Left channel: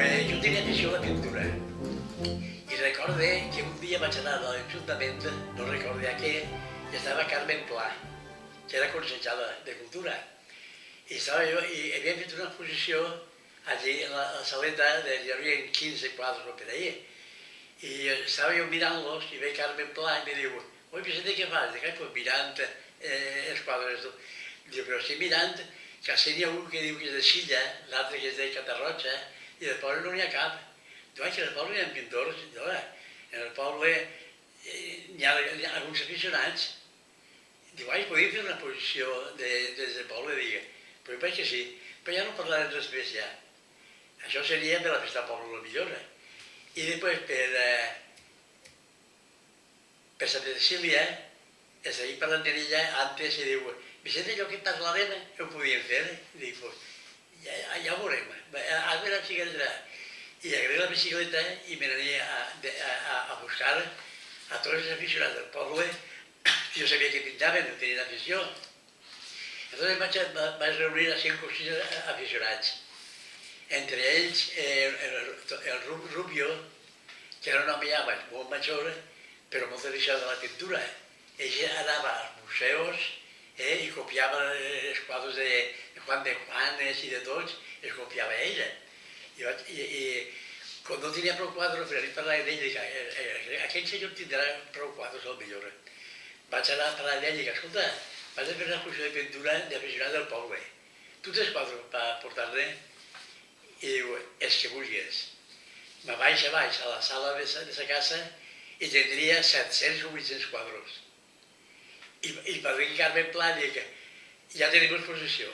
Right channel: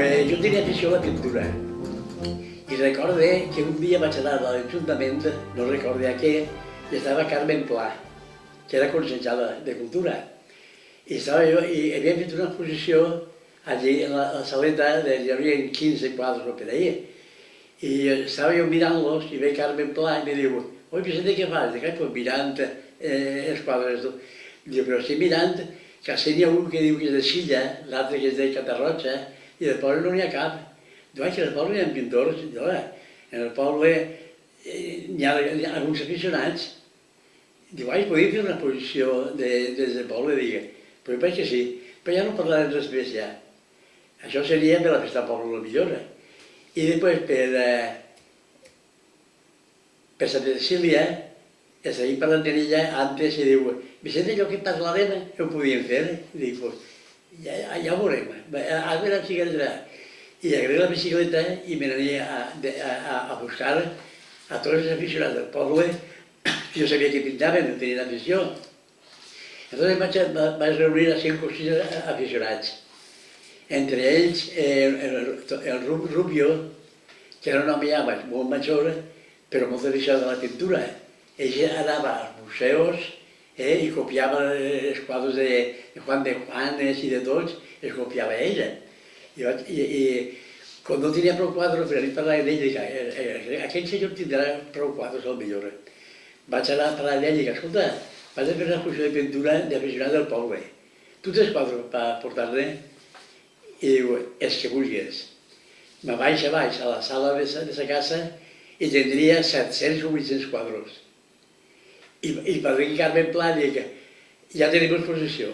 Pues jo tenia afició a la pintura i recorde que un dia vaig anar a l'Ajuntament, no recordo a què, i estava Carmen Pla, que era consellera de Cultura. I estava jo, i havia fet una exposició allí a la saleta, hi havia 15 quadres o per ahí. I estava jo mirant-los i ve Carmen Pla i me diu: «Oi, Vicente, què fas?» Dic: «Pues mirant els quadres». Diu: «Però estic mirant que n'hi ha un que diu que és de Silla, l'altre que és de Catarroja, i del poble no n'hi ha cap». Diu: «Ai, que al poble hi ha pintors». Diu: «En el poble hi ha alguns aficionats». Diu: «Ai, podríem fer una exposició des del poble?» Dic: «Pues jo penso que sí, però ja no parlarem res més ja. Això seria per la festa del poble, millor». I després per Santa Cecília, seguim parlant d'ella antes i diu: «Vicente, allò que parlarem, ho podíem fer?» I dic: «Pues ja ho veurem, ara la bicicleta». I agarré la bicicleta i me n'ania a buscar a tots els aficionats del poble, que jo sabia que pintaven, no tenien afició. Llavors vaig reunir a 5 o 6 aficionats. Entre ells el Rubio, que era un home ja molt major, però molt aficionat a la pintura. Ell anava als museus i copiava els quadres de Juan de Juanes i de tots, els copiava ella. I quan no tenia prou quadres, per anar a parlar d'ell, dic: «Aquell senyor tindrà prou quadres, al millor». Vaig anar a parlar d'ell i dic: «Escolta, vaig a fer una exposició de pintura d'aficionats del poble. Tu tens quadres per portar-ne?» I diu: «Els que vulguis». Me vaig a baix a la sala de sa casa i tindria 700 o 800 quadres. I per dir Carmen Pla dic: «Ja tenim exposició».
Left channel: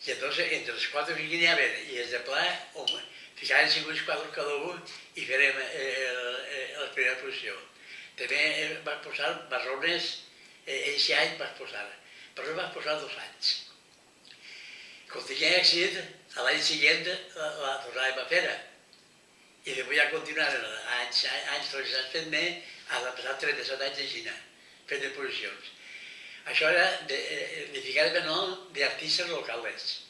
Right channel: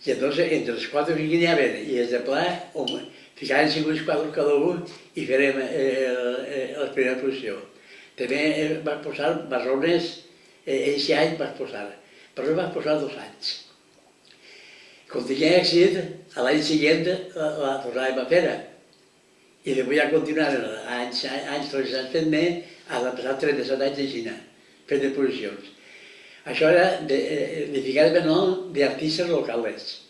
I entonces, entre els quadres que n'hi havia i els de Pla, ficaven 50 quadres cada un i farem la primera exposició. També vaig posar marrones, aquest any vaig posar, però vaig posar 2 anys. Com tenia èxit, l'any següent la tornàvem a fer. I després ja continuaren anys fent-me, a passar 37 anys de Xina, fent exposicions. Això era de ficar el nom d'artistes locals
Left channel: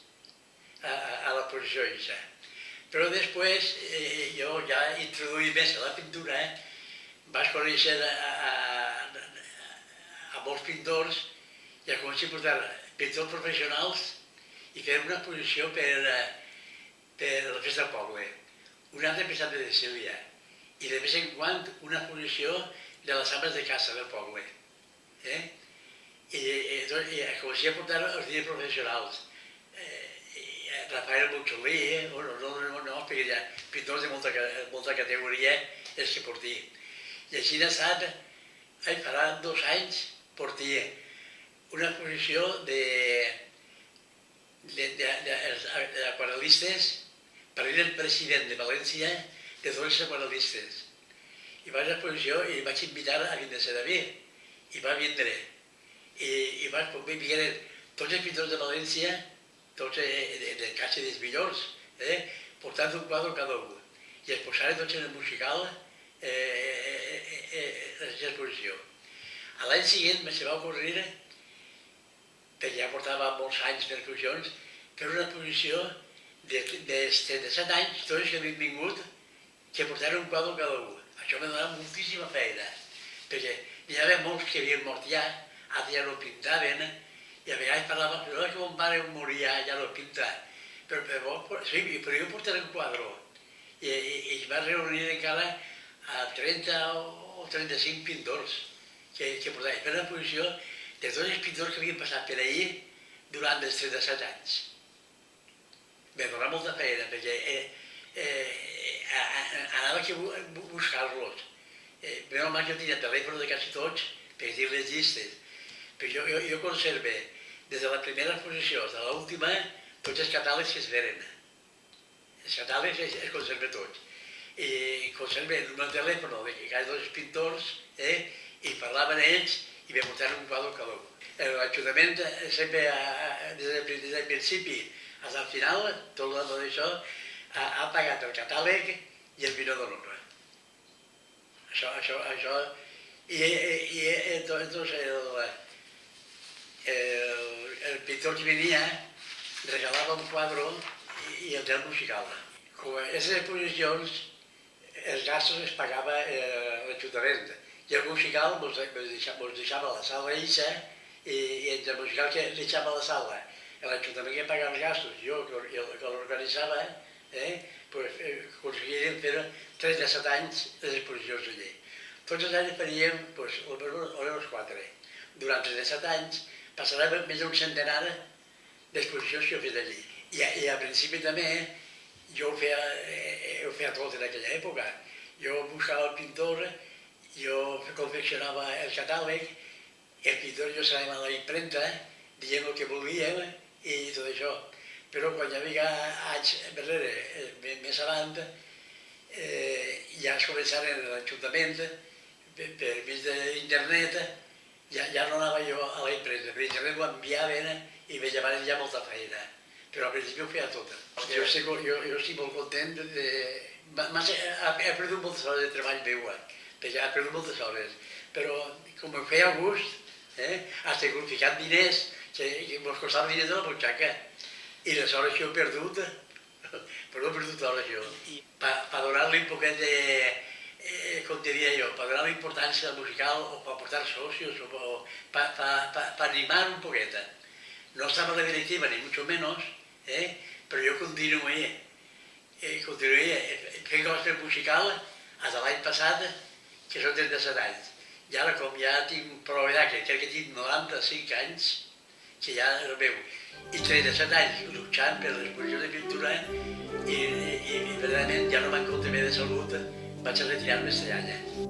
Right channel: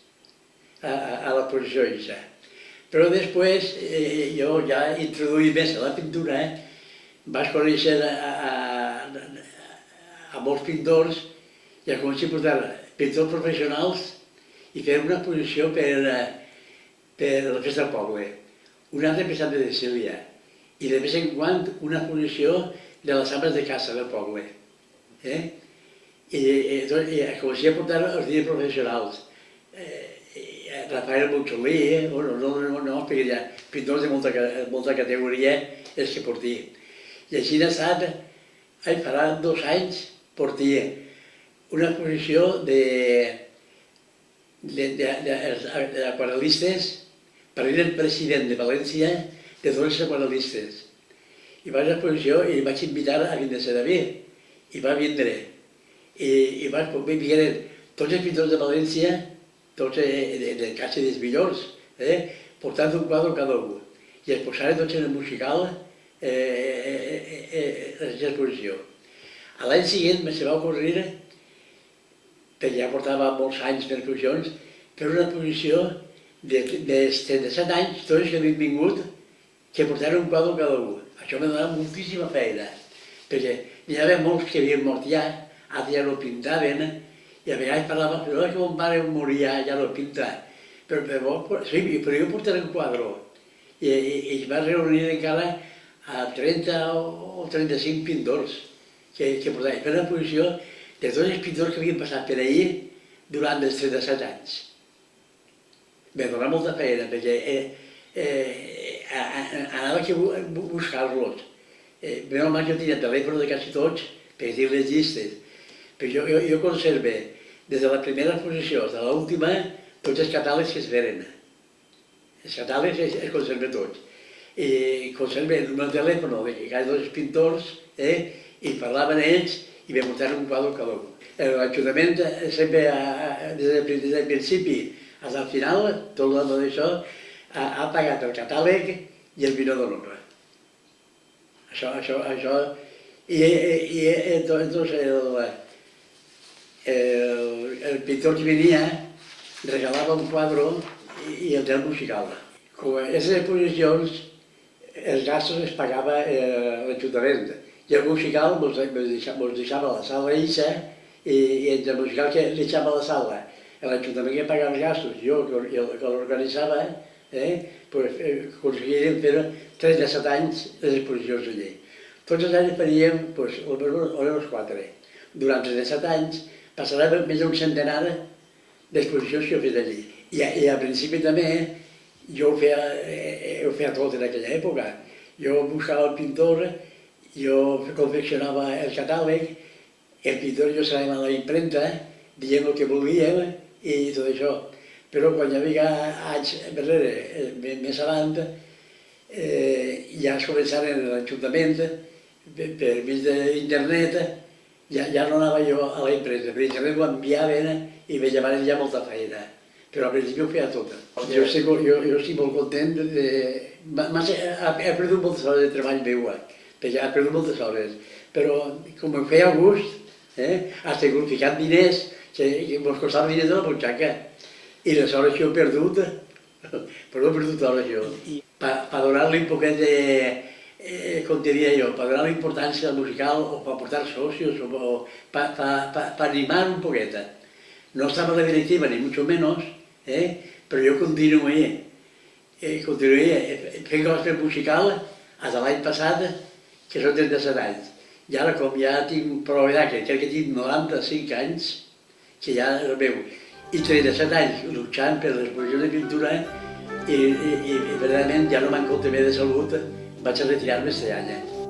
a l'exposició aquesta. Però després, jo ja introduït més a la pintura, vaig conèixer a molts pintors i a començar a portar pintors professionals i fer una exposició per la festa del poble. Una altra per Santa Cecília i de vez en quan una exposició de les ames de casa del poble. I començar a portar els dies professionals. Rafael Montxolí, no, perquè hi ha pintors de molta categoria els que portia. I així d'estat, farà 2 anys, portia una exposició d'aquarel·listes per dir el president de València de tots els aquarel·listes. I vaig a l'exposició i vaig invitar a Vincent David, i va vindre. I vindre tots els pintors de València, tots de Caixa dels millors, portant un quadre cada un. I es posaren tots en el musical l'exposició. L'any següent se va ocorrir, perquè ja portava molts anys fent exposicions, fer una exposició dels 37 anys, tots que havien vingut, que portaren un quadre cada un. Això m'ha donat moltíssima feina, perquè n'hi havia molts que havien mort ja, altres ja no pintaven, i a vegades parlaven: «Però que mon pare moria, ja no pinta». Però jo portaré un quadre. I es va reunir encara a 30 o 35 pintors que portaven. Fer una exposició de tots els pintors que havien passat per allí durant els 37 anys. M'ha donat molta feina, perquè anava a buscar-los. Menys mal que jo tenia telèfon de quasi tots per dir les llistes. Però jo conserve, des de la primera exposició fins a l'última, tots els catàlegs que es veren. Els catàlegs els conserve tots. I conserve el meu telèfon de cada dos pintors i parlaven ells i me portaven un quadre cada un. L'Ajuntament sempre, des del principi fins al final, tot això, ha pagat el catàleg i el vino d'honor. Això, i entonces el pintor que venia regalava un quadre i el del musical. Com a aquestes exposicions, els gastos els pagava l'Ajuntament. I el musical mos deixava la sala eixa i entre el musical que deixava la sala, l'Ajuntament que pagava els gastos, jo que l'organitzava, aconseguíem fer 37 anys les exposicions allí. Tots els anys faríem, almenys 4. Durant 37 anys passarem més d'un centenar d'exposicions que he fet allí. I al principi també jo ho feia tot en aquella època. Jo buscava el pintor, jo confeccionava el catàleg, el pintor jo s'anava a la impremta, dient el que volíem i tot això. Però quan hi havia anys darrere, més avant, ja es començaren a l'Ajuntament, per mig d'internet, ja no anava jo a la impresa. Per internet ho enviaven i me llevaven ja molta feina. Però al principi ho feia tota. Jo estic molt content de... He perdut moltes hores de treball meu, perquè he perdut moltes hores. Però com ho feia a gust, has ficat diners, que mos costava diners de la butxaca. I les hores que he perdut, però he perdut hores jo. Per donar-li un poquet de, com te diria jo, per donar-li importància al musical o per portar socios o per animar un poquet. No estava a la directiva, ni mucho menos, però jo continué fent coses musical fins a l'any passat, que són 37 anys. I ara, com ja tinc prou edat, que crec que tinc 95 anys, que ja és el meu, i 37 anys luchant per l'exposició de pintura i verdaderament ja no me'n compte bé de salut, vaig a retirar-me aquest any.